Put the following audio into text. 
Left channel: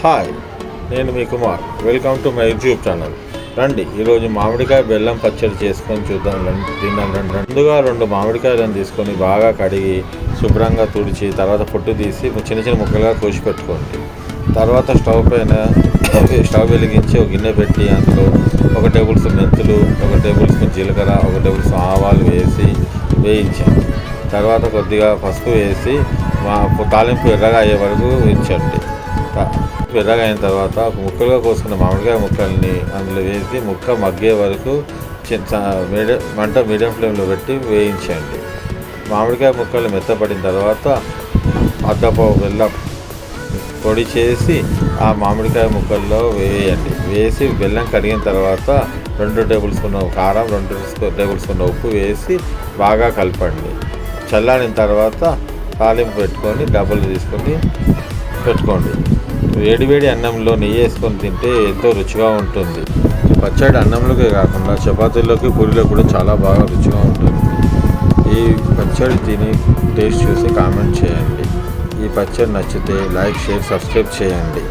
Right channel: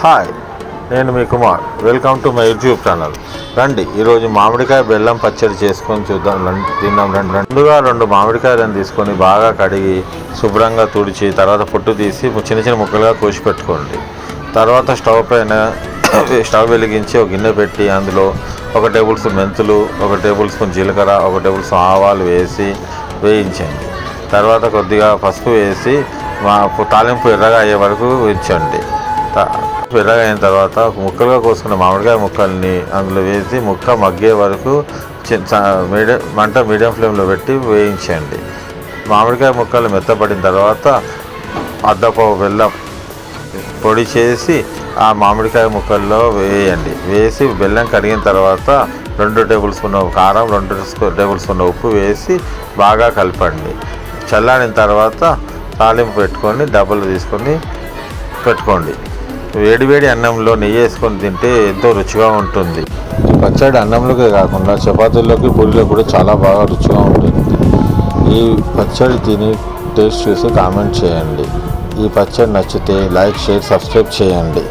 Hi, నేను మీ Kumar. Welcome to my YouTube channel. రండి, ఈరోజు మామిడికాయ బెల్లం పచ్చడి చేసుకొని తిందాం రండి. ముందుగా 2 మామిడికాయలను తీసుకొని బాగా కడిగి శుభ్రంగా తుడిచి తర్వాత పొట్టు తీసి చిన్న చిన్న ముక్కలుగా కోసి పెట్టుకోండి. తర్వాత స్టవ్ వెలిగించి ఒక గిన్నె పెట్టి అందులో 1 టేబుల్ స్పూన్ మెంతులు, 1 టేబుల్ స్పూన్ జీలకర్ర, 1 టేబుల్ స్పూన్ ఆవాలు వేసి వేయించండి. తర్వాత కొద్దిగా పసుపు వేసి తాలింపు ఎర్రగా అయ్యే వరకు ఉంచండి. ఎర్రగా అయిన తర్వాత ముక్కలుగా కోసుకున్న మామిడికాయ ముక్కల్ని అందులో వేసి ముక్క మగ్గే వరకు మీడియం ఫ్లేమ్లో పెట్టి వేయించండి. మామిడికాయ ముక్కలు మెత్తపడిన తర్వాత అద్దపావు బెల్లం పొడి చేసి ఆ మామిడికాయ ముక్కల్లో వేయండి. వేసి బెల్లం కడిగిన తర్వాత 2 టేబుల్ స్పూన్ కారం, 2 టేబుల్ స్పూన్ ఉప్పు వేసి బాగా కలపండి. చల్లారిన తర్వాత తాలింపు పెట్టుకొని డబ్బాలు తీసుకొని పెట్టుకోండి. వేడివేడి అన్నంలో నెయ్యి వేసుకొని తింటే ఎంతో రుచిగా ఉంటుంది. పచ్చడి అన్నంలోకే కాకుండా చపాతీల్లోకి, పూరీలో కూడా చాలా బాగా రుచిగా ఉంటుంది. ఈ పచ్చడి తిని టేస్ట్ చూసి కామెంట్ చేయండి. ఈ పచ్చడి నచ్చితే లైక్, షేర్, సబ్స్క్రైబ్ చేయండి.